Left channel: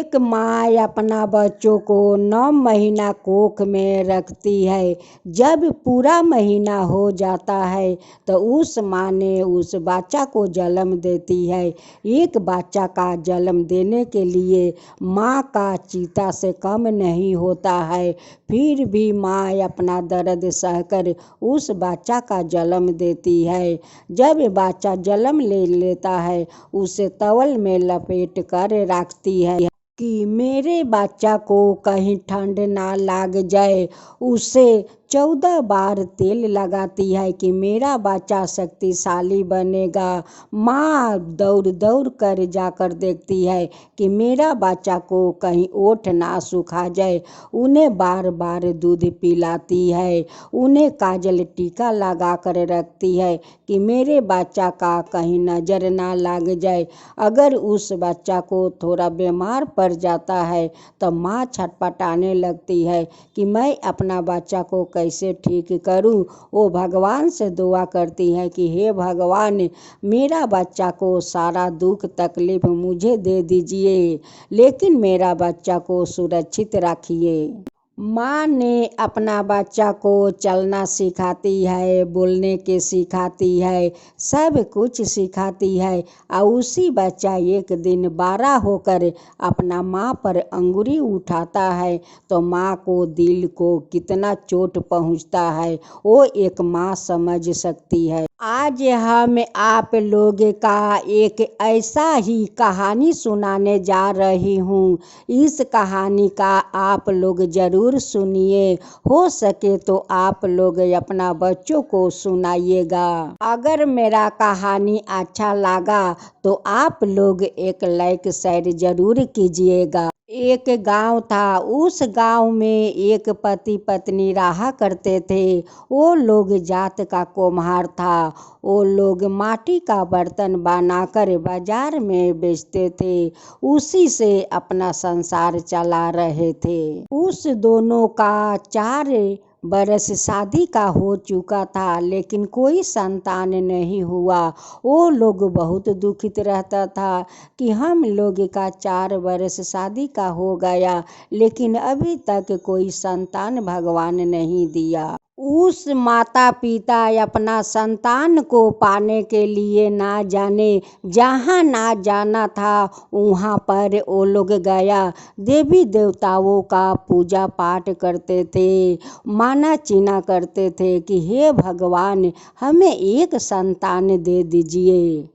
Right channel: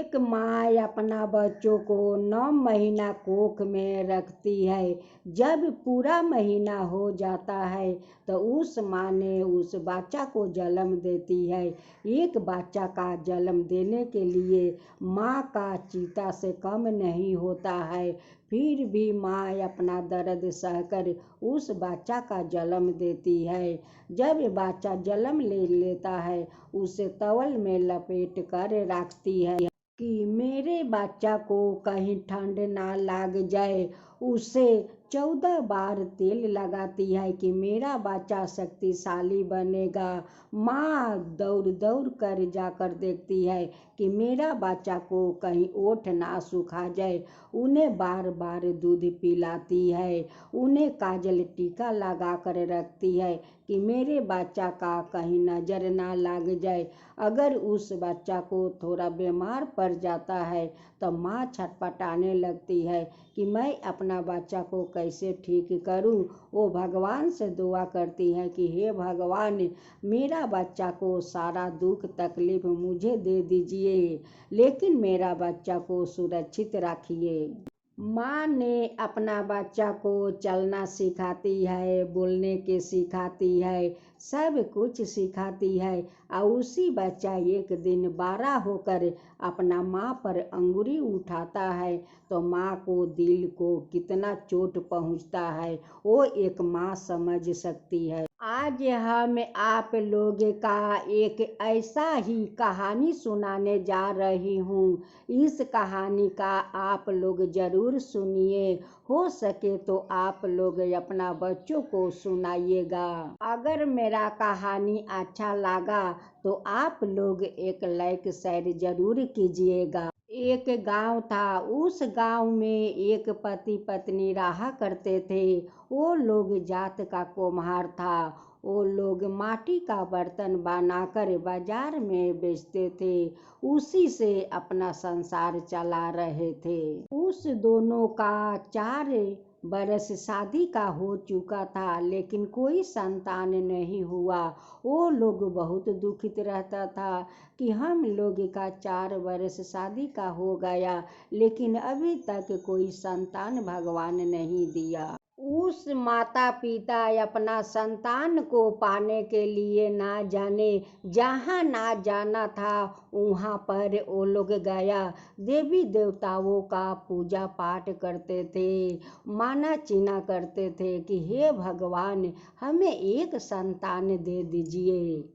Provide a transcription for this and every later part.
एक माँ अपना बच्चों को 9 महीना कोख में रखती है। जब पूरा महीना हो जाता है तो उस माँ ने उस बच्चा को जन्म देती है। एक बच्चा का जन्म देने के लिए माँ का चिता से कम नहीं होता है। फिर भी माँ अपना दर्द सहकर उस बच्चा का जन्म देती है। जब बच्चा जन्म ले लेता है उसे टॉवल में लपेट कर रखती है कि मेरे बच्चा को कहीं ठंड ना लग जाए। उसे 14 बार तेल लगाती है कि मेरा बच्चा शक्तिशाली बनेगा। माँ दौड़ दौड़ कर जाकर देखती है कि मेरा बच्चा को कहीं ओठ ना सूखा जाए। उन्हें बार बार दूध पिलाती है। उन्हें काजल टीका लगा कर रखती है कि मेरे बच्चा का कहीं नज़र ना लग जाए। अगर उस बच्चा को थोड़ा बीमार पड़ जाता है तो माँ छटपटाने लगती है कि मैं अपना बच्चा को कैसे ठीक करूं। वो भगवान से दुआ करती है कि हे भगवान, मेरा बच्चा को सारा दुख तकलीफ मुझे दे दीजिए, लेकिन मेरा बच्चा को सुरक्षित रखिए। माँ ने अपना बच्चा को चलना सिखाती है, बोलने के सिखाती है, सब कुछ सिखाती है। और उसी बच्चा एक दिन बड़ा होकर अपना माँ पर अंगुली उठाता है तो माँ को दिल को कितना चोट पहुँचता है वो एक माँ समझ सकती है। आज हम आप लोग का एक ऐसा ही कहानी सुनाने जा रही हूँ। इस कहानी का आप लोग ज़रूर सुनिए। हो सके तो आप लोग अपना बच्चों को सुनाइएगा। अगर मेरा कहानी अच्छा लगा तो आप लोग एक लाइक शेयर ज़रूर कीजिएगा। एक गांव था। उस गांव में एक पति पत्नी रहा करते थे। वो लोग जात का कुम्हार था। वो लोग माटी का बर्तन बनाकर बाजार में बेचते थे। उसी से अपना संसार चला रहे थे। उस दोनों का 4 बरस शादी का हो चुका था, लेकिन कोई संतान नहीं हुआ। वो लोग बहुत दुखित रहता था कि हम लोग का 4 बरस शादी का हो गया, लेकिन अभी तक कोई संतान भगवान नहीं दिया। उस माता पिता अपना संतान को पाने के लिए ना जाने जहाँ ना जाना था वहाँ पर वो लोग गया। देवी देवताओं का पूजा पाठ करते थे, माना चीना करते थे कि हे भगवान, हमें एक संतान दे दीजिए।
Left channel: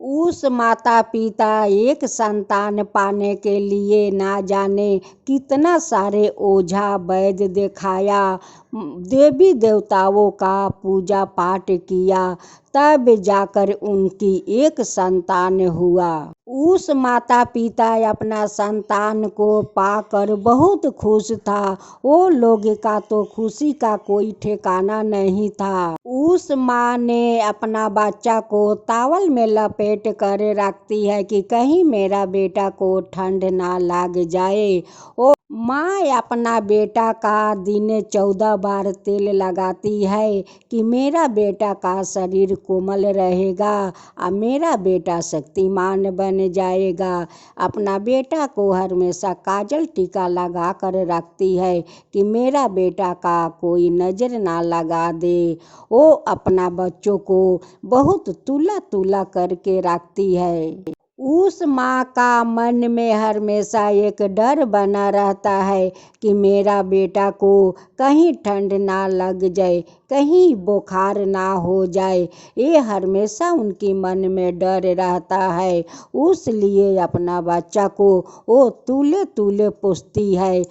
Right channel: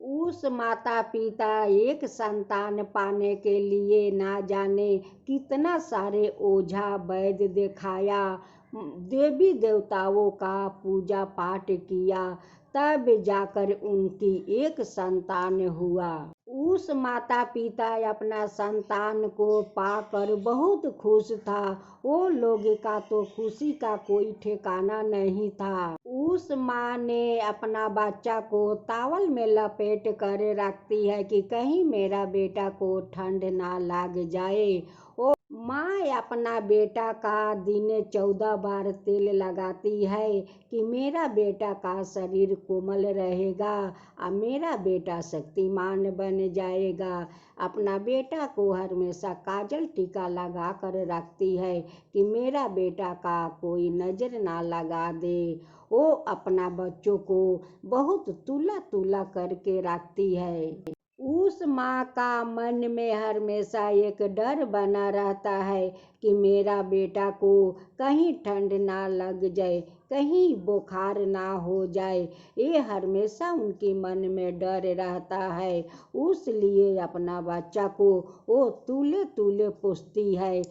उस माता पिता एक संतान पाने के लिए ना जाने कितना सारे ओझा वैद्य दिखाया, देवी देवताओं का पूजा पाठ किया, तब जाकर उनकी एक संतान हुआ। उस माता पिता अपना संतान को पाकर बहुत खुश था। वो लोग का तो खुशी का कोई ठिकाना नहीं था। उस माँ ने अपना बच्चा को टॉवल में लपेट कर रखती है कि कहीं मेरा बेटा को ठंड ना लग जाए। वो माँ अपना बेटा का दिन 14 बार तेल लगाती है कि मेरा बेटा का शरीर कोमल रहेगा और मेरा बेटा शक्तिमान बन जाएगा। अपना बेटा को हमेशा काजल टीका लगा कर रखती है कि मेरा बेटा का कोई नज़र ना लगा दे। वो अपना बच्चों को बहुत तुला तुला करके रखती है। उस माँ का मन में हमेशा एक डर बना रहता है कि मेरा बेटा को कहीं ठंड ना लग जाए, कहीं बुखार ना हो जाए। ये हमेशा उनके मन में डर रहता है। उसलिए अपना बच्चा को वो तुले तुले पूछती है।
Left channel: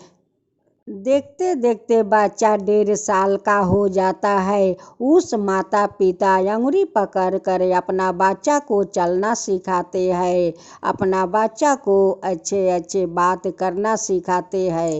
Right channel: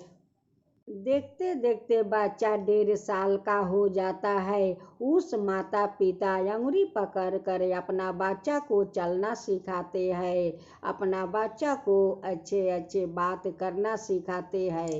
देखते देखते बच्चा 1.5 साल का हो जाता है। उस माता पिता अंगुली पकड़ कर अपना बच्चा को चलना सिखाते हैं, अपना बच्चा को अच्छे अच्छे बात करना सिखाते हैं।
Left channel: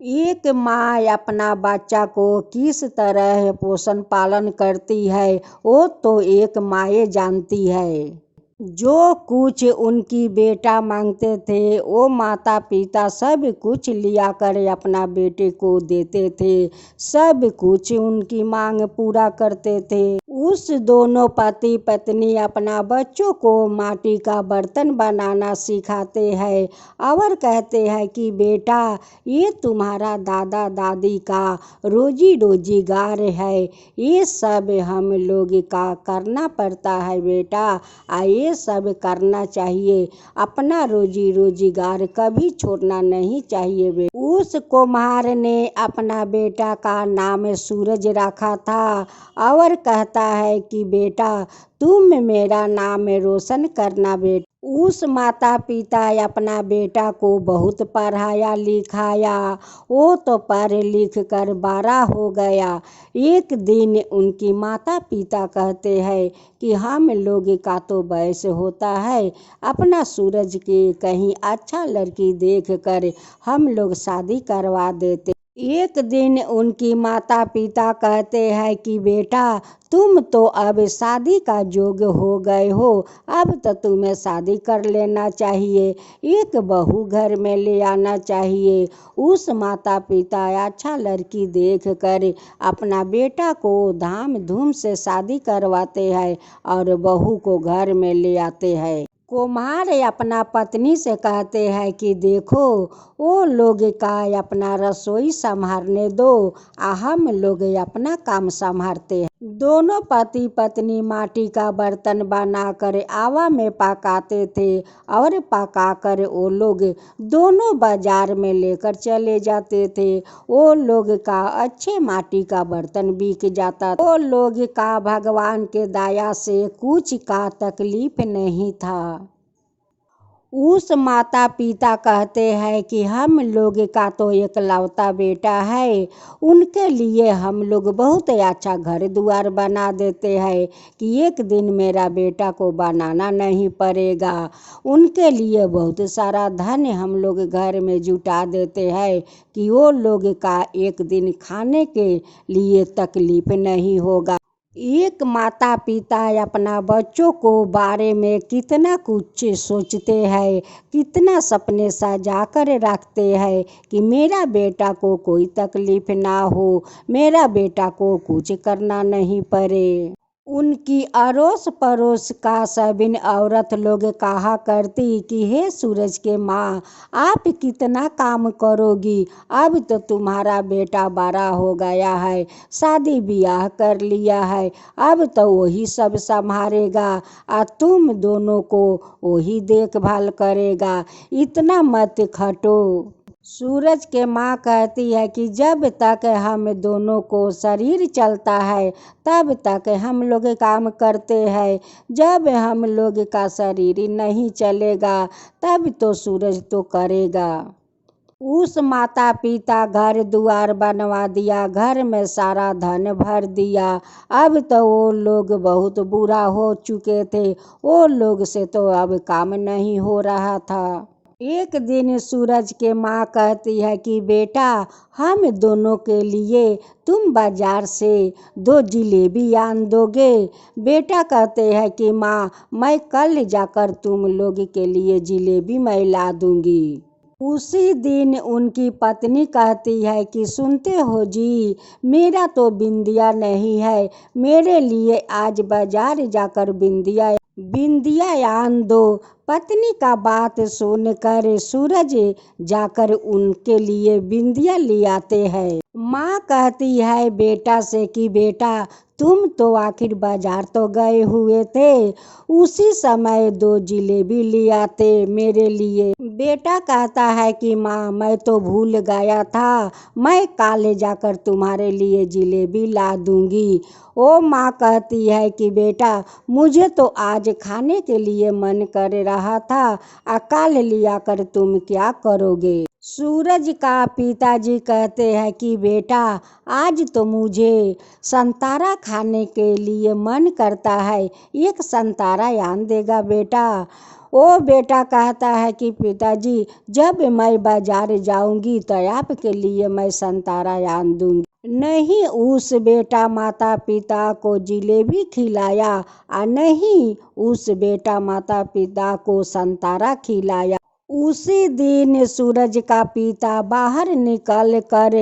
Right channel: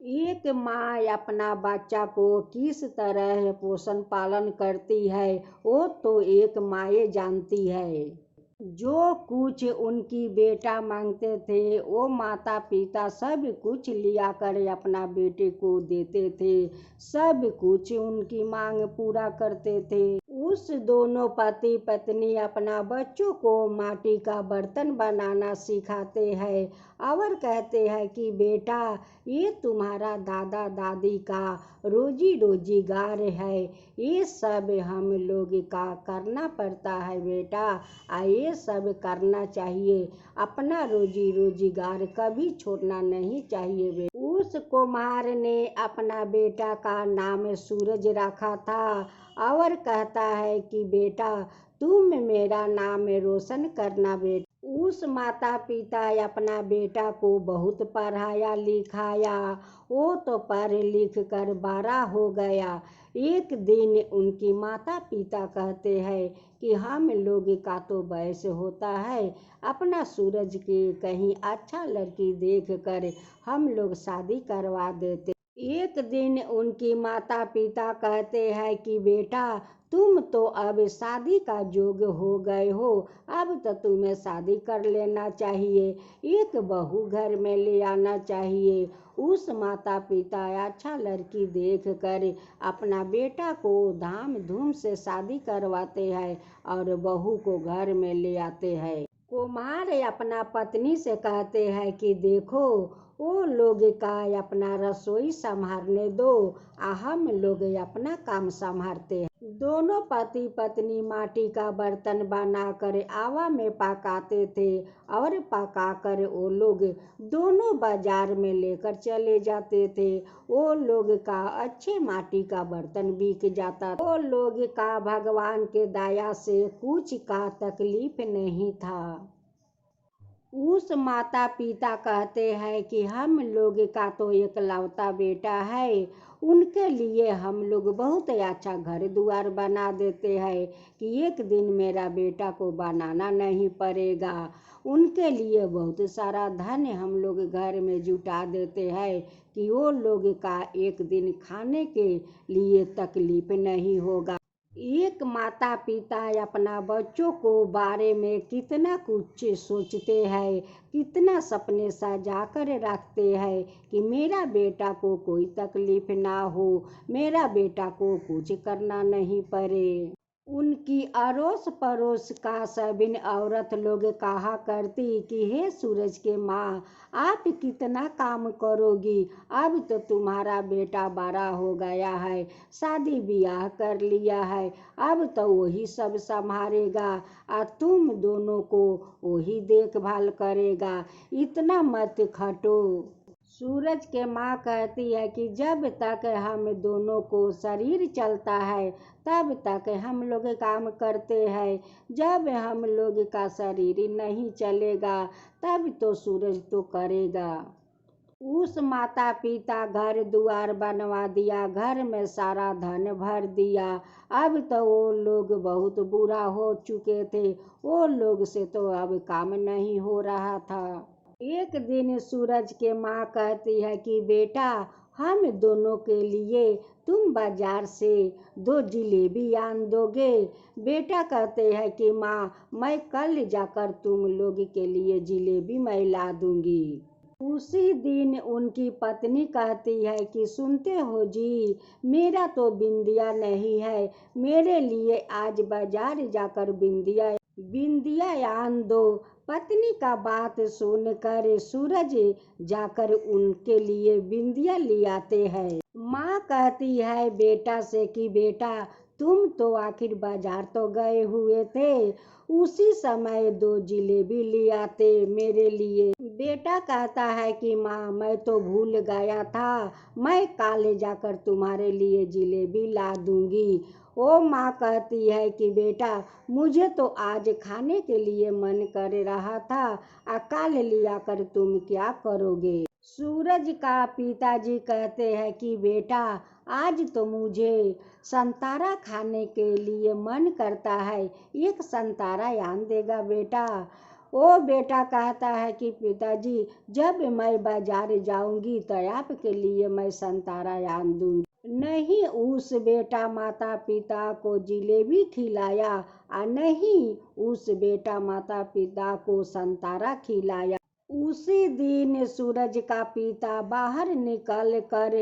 एक माँ अपना बच्चा को किस तरह पोषण पालन करती है वो तो एक माँ जानती है। जो कुछ उनकी बेटा मांगते थे वो माता पिता सब कुछ लिया कर अपना बेटे को देते थे। सब कुछ उनकी मांग पूरा करते थे। उस दोनों पति पत्नी अपना बच्चों को माटी का बर्तन बनाना सिखाते हैं और कहते हैं कि बेटा ये तुम्हारा दादा दादी का रोजी रोजगार है, ये सब हम लोग का करना पड़ता है बेटा, ये सब करना चाहिए, अपना रोजी रोजगार कभी छोड़ना नहीं चाहिए बेटा। उस कुम्हार ने अपना बेटा का नाम सूरज रखा था और कहता है कि बेटा तुम मेरा नाम रोशन करना बेटा। उस माता पिता अपना बेटा को बहुत पढ़ाया लिखाया, वो तो पढ़ लिख कर बड़ा हो गया। एक दिन उनकी माता पिता कहते हैं कि हम लोग का तो वैसे होता है, अपना सूरज के कहीं अच्छा लड़की देख कर हम लोग शादी करवा देते। एक दिन उनकी माता पिता कहते हैं कि बेटा तुम तो अब शादी का योग्य हो गए हो, अब तो तुम्हें शादी कर लेना चाहिए, एक बहू घर में ले आना चाहिए। उस माता पिता अच्छा लड़की देख कर अपना बेटा को धाम धूम से शादी करवाते हैं और बहू को घर में ले आते हैं। कुम्हार अपना पत्नी से कहते हैं कि देखो वो लोग का अपना रसोई संभालने दो, हम लोग अपना काम संभालते हैं। दोनों पति पत्नी माटी का बर्तन बनाकर आवा में पकाते थे और पकाकर वो लोग दोनों बाजार में लेकर चले जाते थे। वो लोग का अच्छे माटी का बर्तन बिक जाता, वो लोग का भगवान के दया से कुछ का तकलीफ नहीं था। उस माता पिता कहते हैं कि हम लोग का तो एकलौता बेटा है, उनके लिए हम लोग बहुत अच्छा घर द्वार बना देते हैं कि एक दिन मेरा बेटा को बनाना नहीं पड़ेगा। उनके लिए बहुत सारा धन हम लोग घर में जुटा देते हैं कि वो लोग का एक दिन खाने के लिए तकलीफ नहीं होगा। एक माता पिता अपना बच्चों को बारे में कितना कुछ सोचते हैं, कितना सपने सजा कर रखते हैं कि मेरा बेटा को कोई तकलीफ ना हो, मेरा बेटा को कुछ करना नहीं पड़े। उनकी अड़ोस पड़ोस का सभी औरत लोग कहा करती कि हे सूरज के माँ आप कितना काम करोगी, अब तो तुम्हारा बेटा बड़ा हो गया है, शादी ब्याह कर लिया है, अब तो वही सब संभालेगा और तुम दोनों को वही देखभाल करेगा, इतना मत खटो। सूरज के माँ कहती है कि जब तक हम दोनों को शरीर चलता है तब तक हम लोग काम करते हैं, जब हम लोग का शरीर नहीं चलेगा तब तो सूरज तो करेगा। उस माता पिता घर द्वार बनवा दिया, घर में सारा धन भर दिया, अब तो वो लोग बहुत बुरा हो चुके थे, वो लोग से तो अब काम नहीं हो रहा था। एक दिन सूरज के माँ कहती है कि बेटा हम दोनों के लिए तुम बाजार से 2 जिलेबी आन दोगे। बेटा कहते हैं कि माँ मैं कल जाकर तुम लोग के लिए जिलेबी मैं ला दूंगी। उसी दिन उनकी पत्नी कहती है कि सुनते हो जी, मेरा तो बिंदिया नहीं है, मेरे लिए आज बाजार जाकर बिंदिया आन दो। पत्नी का बात सुनकर सूरज जाकर उनके लिए बिंदिया ले आते हैं। माँ कहती है बेटा से कि बेटा तुम तो आखिर बाजार तो गए हुए थे, उसी समय 2 जिलेबी ले आते मेरे लिए। बेटा कहता है कि माँ मैं तो भूल गया था, मैं कल जाकर तुम्हारे लिए जिलेबी ला दूंगी। ओ माँ कहती है कि बेटा मुझे तो आज खाने के लिए मन कर रहा था, कल लिया कर तुम क्या करोगे। सूरज का पिताजी कहते हैं कि बेटा आज तो मुझे संतरा खाने के लिए मन करता है, एक संतरा आन देगा बेटा। ओ बेटा कहता है कि पिताजी जब मैं बाजार जाऊंगी तो आपके लिए मैं संतरा आन दूंगी। नहीं उस बेटा माता पिता को जिलेबी खिलाया और नहीं उस बेटा माता पिता को संतरा खिलाया। उसी दिन सूरज का पिता बाहर निकल कर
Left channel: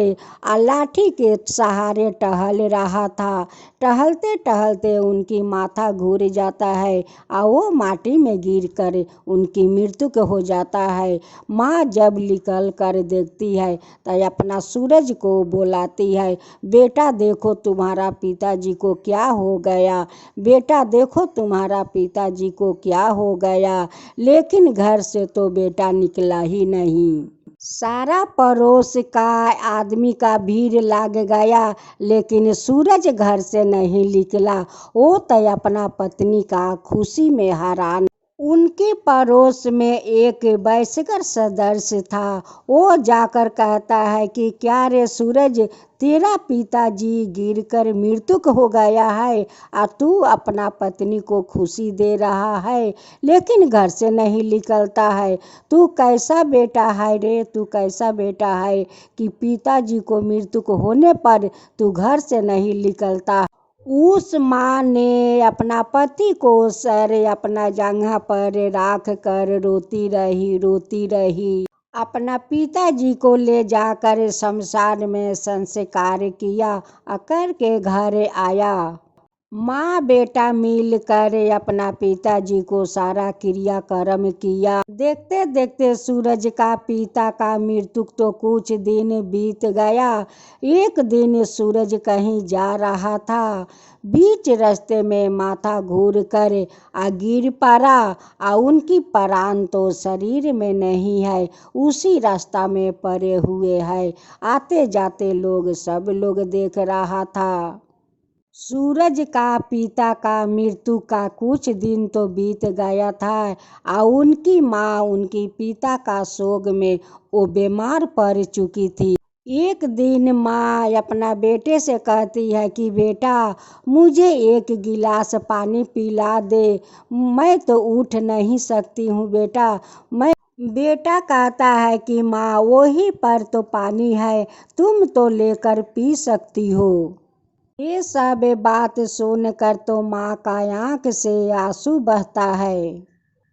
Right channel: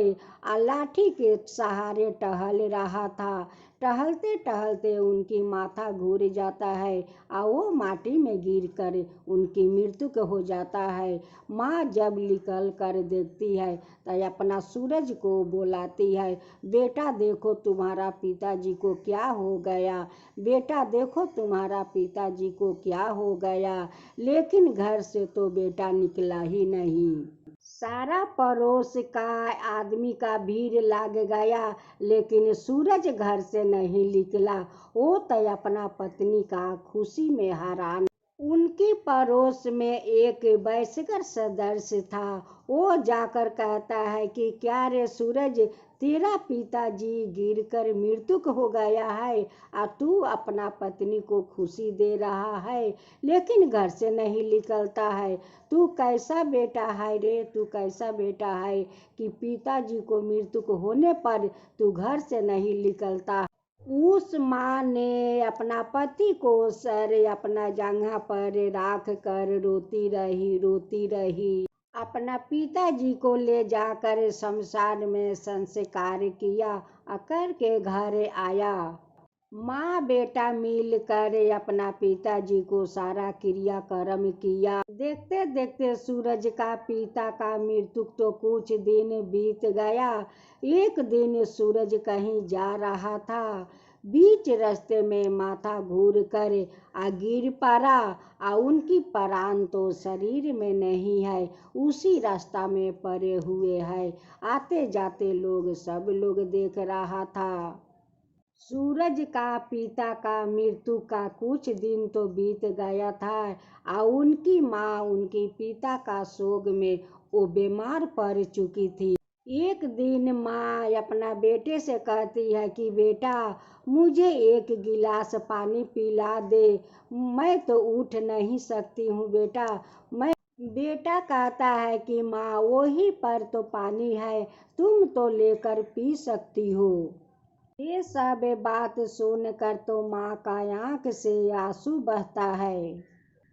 लाठी के सहारे टहल रहा था। टहलते टहलते उनकी माथा घूर जाता है और वो माटी में गिर कर उनकी मृत्यु हो जाता है। माँ जब निकल कर देखती है तो अपना सूरज को बुलाती है, बेटा देखो तुम्हारा पिताजी को क्या हो गया, बेटा देखो तुम्हारा पिताजी को क्या हो गया। लेकिन घर से तो बेटा निकला ही नहीं। सारा पड़ोस का आदमी का भीड़ लग गया, लेकिन सूरज घर से नहीं निकला। वो तो अपना पत्नी का खुशी में हैरान। उनके पड़ोस में एक वयस्कर सदस्य था। वो जाकर कहता है कि क्या रे सूरज, तेरा पिताजी गिरकर मृत्यु हो गया है और तू अपना पत्नी को खुशी दे रहा है, लेकिन घर से नहीं निकलता है। तू कैसा बेटा है रे, तू कैसा बेटा है कि पिताजी को मृत्यु होने पर तू घर से नहीं निकलता। उस माँ ने अपना पति को सर अपना जगह पर रख कर रोती रही। अपना पिताजी को ले जाकर शमशान में संस्कार किया, अकर के घर आया। माँ बेटा मिल कर अपना पिताजी को सारा क्रियाक्रम किया। देखते देखते सूरज का पिता का मृत्यु तो कुछ दिन बीत गया। एक दिन सूरज कहीं जा रहा था, बीच रास्ते में माथा घूर कर गिर पड़ा और उनकी प्राण तो शरीर में नहीं है, उसी रास्ता में पड़े हुए है। आते जाते लोग सब लोग देख रहा था। सूरज का पिता का मृत्यु का कुछ दिन तो बीत गया था और उनकी माँ उनकी पिता का शोक में वो बीमार पड़ चुकी थी। एक दिन माँ अपना बेटे से कहती है कि बेटा मुझे एक गिलास पानी पिला दे, मैं तो उठ नहीं सकती हूँ बेटा। बेटा कहता है कि माँ वही पर तो पानी है, तुम तो लेकर पी सकती हो। ये सब बात सुनकर तो माँ का आँख से आंसू बहता है,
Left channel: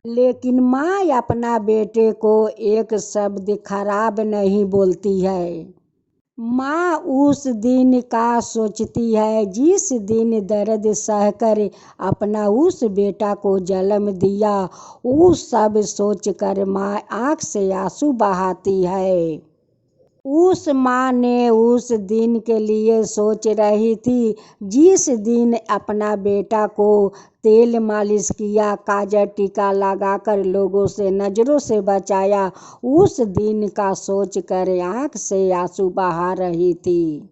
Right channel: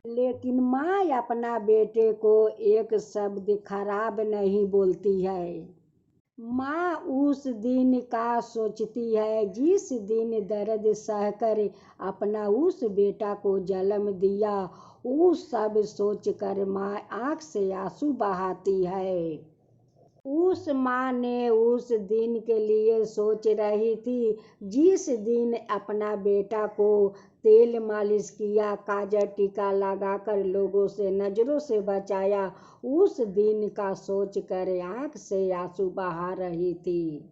लेकिन माँ अपना बेटे को एक शब्द खराब नहीं बोलती है। माँ उस दिन का सोचती है जिस दिन दर्द सहकर अपना उस बेटा को जन्म दिया, वो सब सोचकर माँ आँख से आंसू बहाती है। उस माँ ने उस दिन के लिए सोच रही थी जिस दिन अपना बेटा को तेल मालिश किया, काजल टीका लगाकर लोगों से नज़रों से बचाया, उस दिन का सोचकर आँख से आंसू बहा रही थी।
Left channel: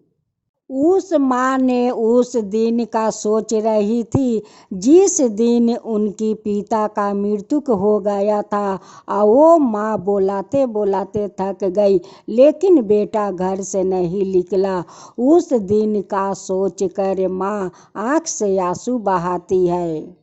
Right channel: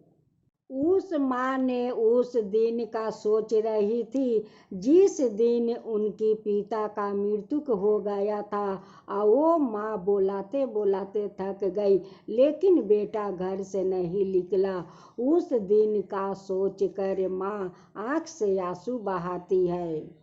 उस माँ ने उस दिन का सोच रही थी जिस दिन उनकी पिता का मृत्यु हो गया था और वो माँ बोलाते बोलाते थक गई, लेकिन बेटा घर से नहीं निकला। उस दिन का सोच कर माँ आँख से आंसू बहाती है।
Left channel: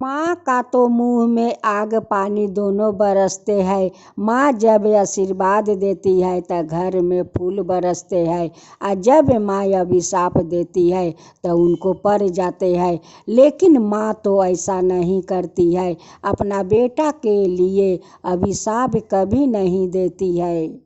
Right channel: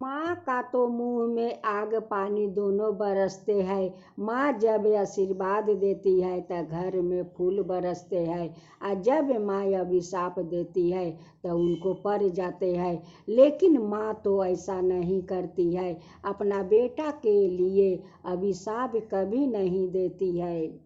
माँ का तो मुँह में आग पानी दोनों बरसते हैं। माँ जब आशीर्वाद देती है तो घर में फूल बरसते हैं, और जब माँ अभिशाप देती है तो उनको पड़ जाते हैं। लेकिन माँ तो ऐसा नहीं करती है, अपना बेटा के लिए अभिशाप कभी नहीं देती है।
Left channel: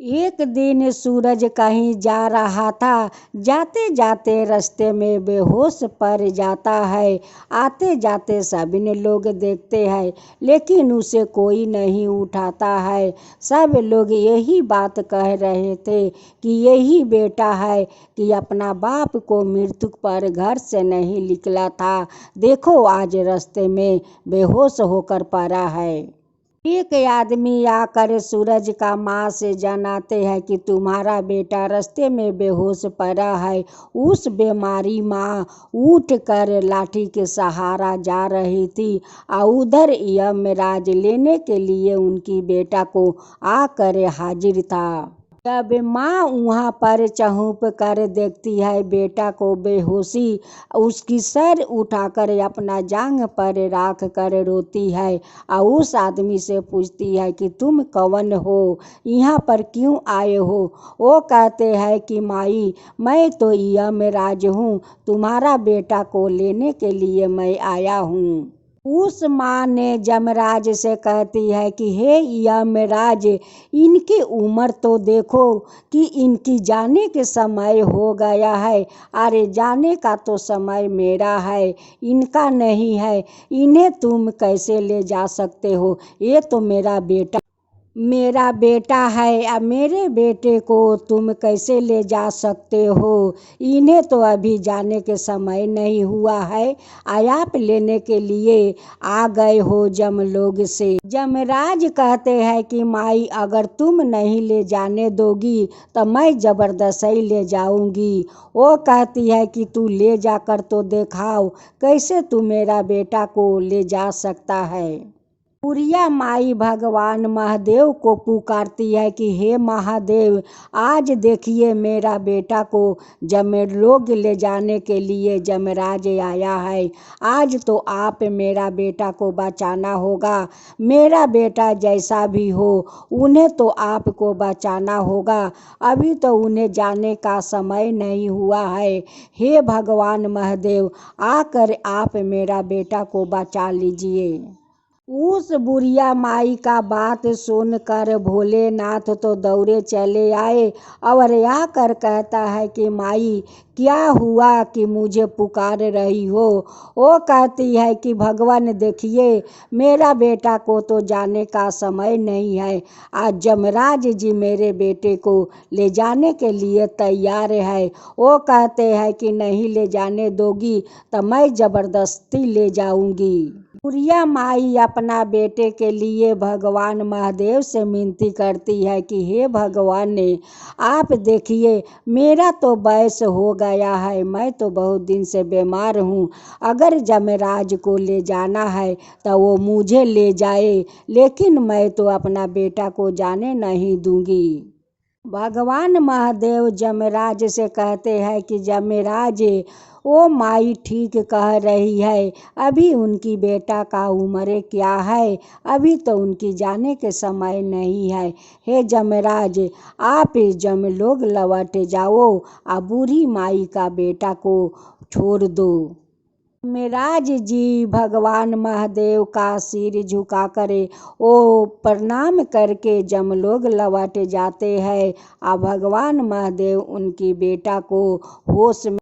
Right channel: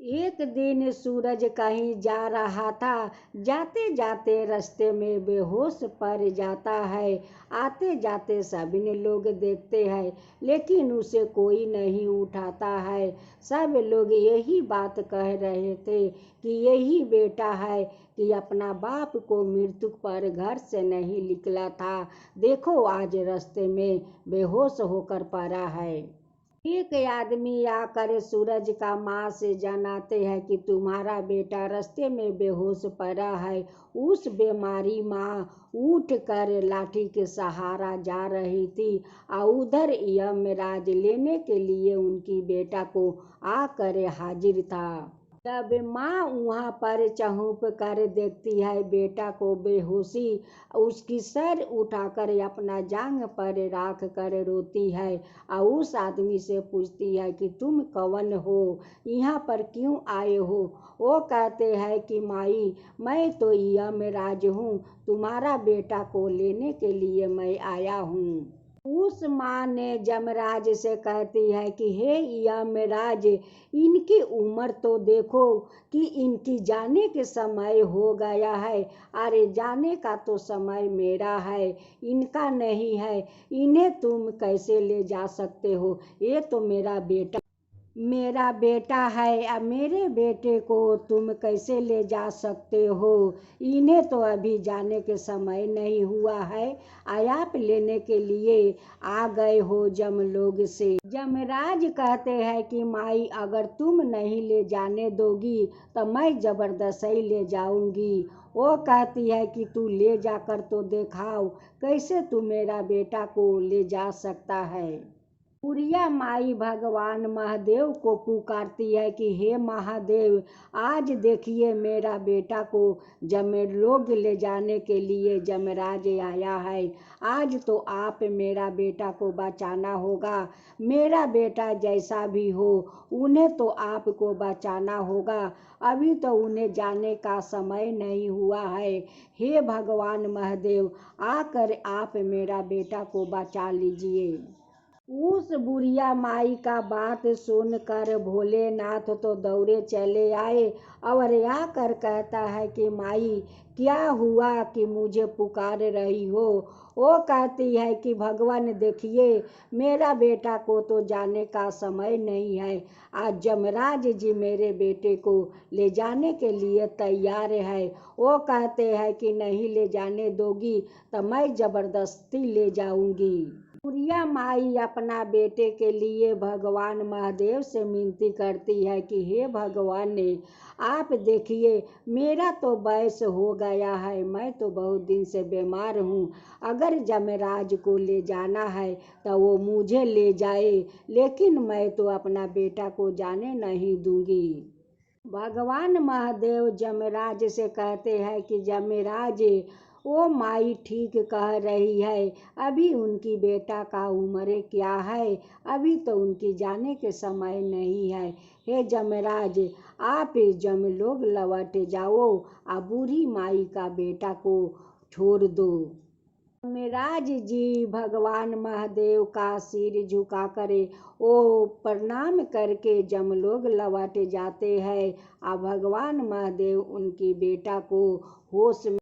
एक दिन सूरज कहीं जा रहा था, जाते जाते रास्ते में बेहोश पड़ जाता है। आते जाते सभी लोग देखते हैं, लेकिन उसे कोई नहीं उठाता है। सब लोग यही बात कह रहे थे कि यही बेटा है कि अपना बाप को मृत्यु पर घर से नहीं निकला था, देखो आज रास्ते में बेहोश होकर पड़ा है। एक आदमी आकर सूरज का माँ से जनाते हैं कि तुम्हारा बेटा रास्ते में बेहोश पड़ा है। उस बीमारी माँ उठ कर लाठी के सहारा जा रही थी और उधर यमराज लेने के लिए उनकी बेटा को आकर हाजिर था। जब माँ वहाँ पर चौंक कर देखती है बेटा को बेहोशी, उसकी सर उठाकर अपना जांघ पर रख कर रोती है और उस आदमी से पूछती है कि तुम कौन हो, यहाँ पर क्यों आए हो। वो कहते हैं कि माई मैं तो यमराज हूँ, तुम्हारा बेटा को लेने के लिए मैं आया हूँ। उस माँ ने यमराज से कहती है कि हे यमराज, इनकी उम्र तो देखो कि इनकी जाने के समय हो गया है। अरे जाने का तो समय मेरा है, इनका नहीं है। इन्हें तुम कैसे ले जा सकते हो? ये तो मेरा बेटा है। अब मेरे बेटे को तुम कैसे ले जा सकते हो? इन्हें तो अभी जाने के समय नहीं हुआ है। आप लेने के लिए आ गए हो जमलोक से। जमराज कहते हैं कि माई, अगर तुम नहीं ले जाने दोगी तो मैं जबरदस्ती ले जाऊंगी। वो कहती है कि तू ले जाकर तो दिखाओ, कैसे तू मेरा बेटा को ले जा सकता है। बुढ़िया माई भगवान महादेव को पुकारती है कि हे महादेव, आज देखिए मेरा बेटा को जमलोक ले जाने के लिए जमराज आया है। आज तो आप मेरा बेटा को बचाना होगा। मेरा बेटा जैसा भी हो, उन्हें तो आपको बचाना होगा। अभी तो उन्हें जाने का समय नहीं हुआ है। हे भगवान महादेव, आकर आप मेरा बेटा को बचा लीजिए। उस बुढ़िया माई का बात सुनकर भोलेनाथ तो दौड़े चले आए और आकर कहता है कि माई, क्या हुआ कि मुझे पुकार रही हो? वो कहती है कि भगवान देखिए, मेरा बेटा को तो जाने का समय नहीं है। आज जमराज जी मेरे बेटे को ले जाने के लिए तैयार है। वो कहते हैं कि नहीं ले जाने दोगी तो मैं जबरदस्ती ले जाऊंगी। बुढ़िया माई अपना बेटे के लिए भगवान महादेव से विनती करती है कि हे भगवान ने, आप देखिए मेरा तो वयस हो गया है, मैं तो बहुत दिन से बीमार हूँ। अगर जमराज को ले जाना है तो वो मुझे ले जाए, लेकिन मैं तो अपना बेटा को जाने नहीं दूंगी। भगवान महादेव जमराज से कहते हैं कि जमराज, ओ माई ठीक कह रही है। अभी उनकी बेटा का उम्र क्या है? अभी तो उनकी जाने के समय नहीं है। हे जमराज, आप जमलोक लौट जाओ और बूढ़ी माई का बेटा को छोड़ दो। मेराज जी भगवान महादेव का सिर झुका करे ओ प्रणाम करके जमलोक लौट जाते हैं। और भगवान महादेव उनकी बेटा को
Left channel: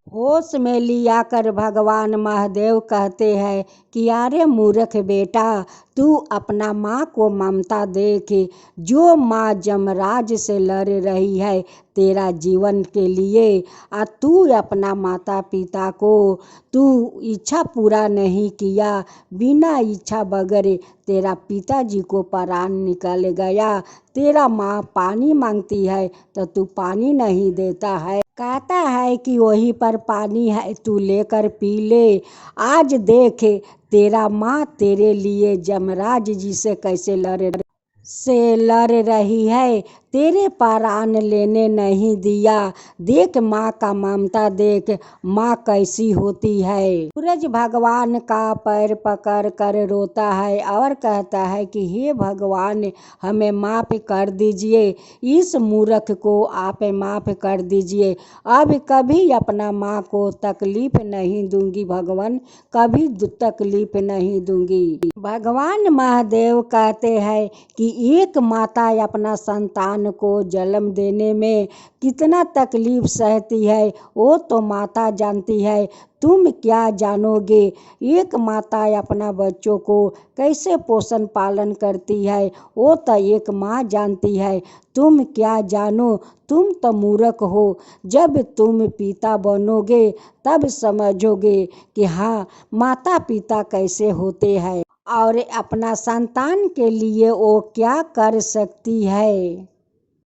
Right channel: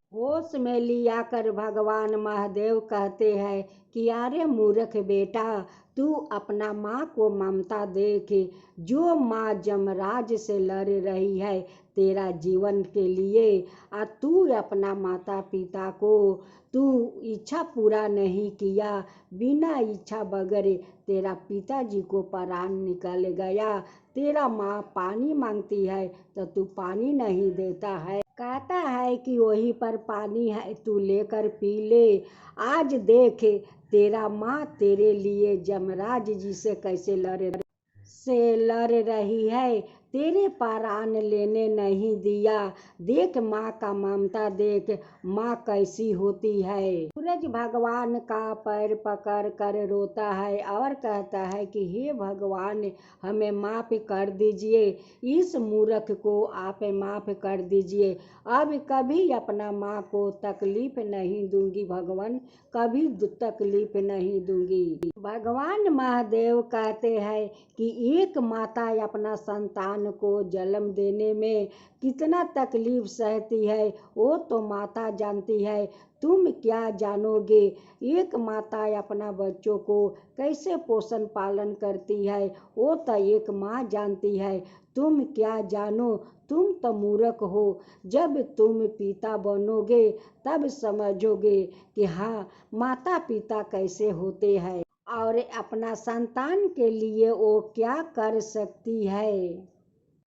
होश में लिया कर भगवान महादेव कहते हैं कि अरे मूर्ख बेटा, तू अपना माँ को ममता देख। जो माँ जमराज से लड़ रही है तेरा जीवन के लिए, और तू अपना माता पिता को तू इच्छा पूरा नहीं किया। बिना इच्छा बगैर तेरा पिताजी को प्राण निकल गया। तेरा माँ पानी मांगती है तो तू पानी नहीं देता है। कहता है कि वहीं पर पानी है, तू लेकर पी ले। आज देख तेरा माँ तेरे लिए जमराज जी से कैसे लड़ रही है, तेरे प्राण लेने नहीं दिया। देख माँ का ममता, देख माँ कैसी होती है। सूरज भगवान का पैर पकड़ कर रोता है और कहता है कि हे भगवान, हमें माफ़ कर दीजिए, इस मूर्ख को आप माफ़ कर दीजिए। अब कभी अपना माँ को तकलीफ नहीं दूंगी भगवान, कभी तकलीफ नहीं दूंगी। भगवान महादेव कहते हैं कि एक माता अपना संतान को जन्म देने में कितना तकलीफ सहती है वो तो माता जानती है, तुम क्या जानोगे। एक माता अपना बच्चों को कैसे पोषण पालन करती है वो तो एक माँ जानती है, तुम क्या जानो, तुम तो मूर्ख हो। जब तुम पिता बनोगे तब समझोगे कि हाँ माता पिता कैसे होते हैं और अपना संतान के लिए वो क्या कर सकती है।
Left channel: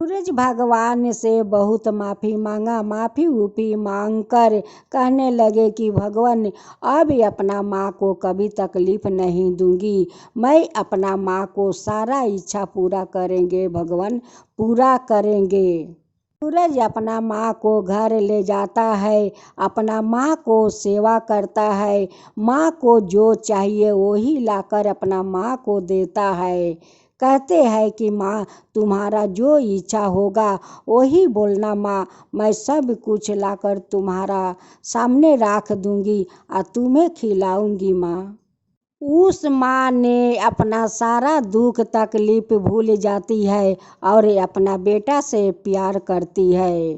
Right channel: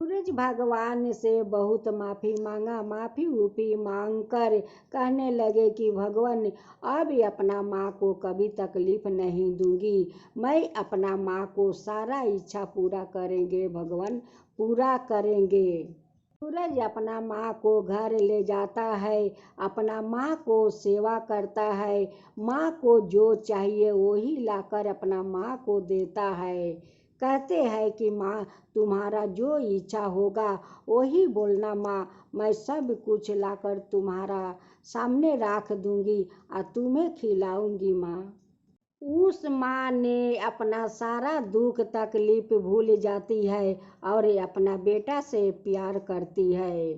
सूरज भगवान से बहुत माफ़ी मांगा। माफ़ी उपी मांग कर कहने लगे कि भगवान, अब अपना माँ को कभी तकलीफ़ नहीं दूंगी। मैं अपना माँ को सारा इच्छा पूरा करेंगे भगवान, पूरा करेंगे। सूरज अपना माँ को घर ले जाता है, अपना माँ को सेवा करता है। माँ को जो चाहिए वही लाकर अपना माँ को देता है। कहते हैं कि माँ, तुम्हारा जो इच्छा होगा वही बोलना माँ, मैं सब कुछ लाकर तुम्हारा सामने रख दूंगी और तुम्हें खिलाऊंगी माँ। उस माँ ने अपना सारा दुख तकलीफ भूल जाती है और अपना बेटा से प्यार करती है।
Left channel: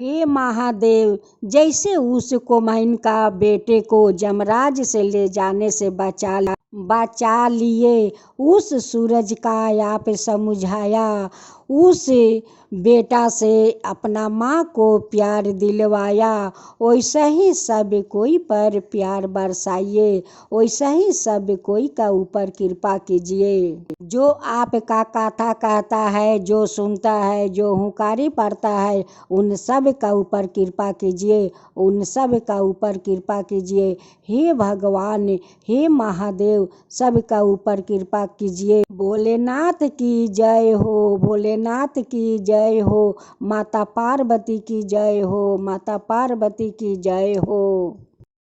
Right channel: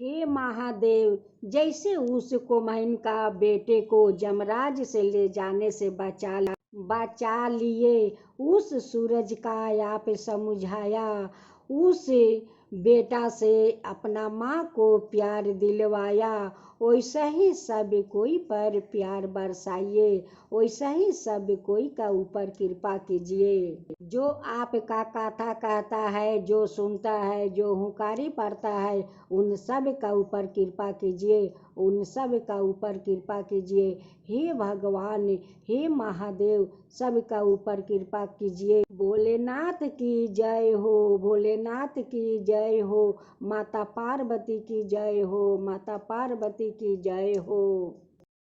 हे महादेव, जैसे उस कोमैन का बेटे को जमराज से ले जाने से बचा लिए, उस सूरज का आप समझाया, उस बेटा से अपना माँ को प्यार दिलवाया, वैसा ही सब कोई पर प्यार बरसाइए, वैसा ही सब कोई का ऊपर कृपा कीजिए। जो आपका कथा कहता है, जो सुनता है, जो हुंकारी पड़ता है, उन सब का ऊपर कृपा कीजिए, उन सब का ऊपर कृपा कीजिए। हे भगवान, हे महादेव, सब का ऊपर कृपा कीजिए। भोलेनाथ की जय हो, भोलेनाथ की जय हो, माता पार्वती की जय हो, माता पार्वती की जय हो।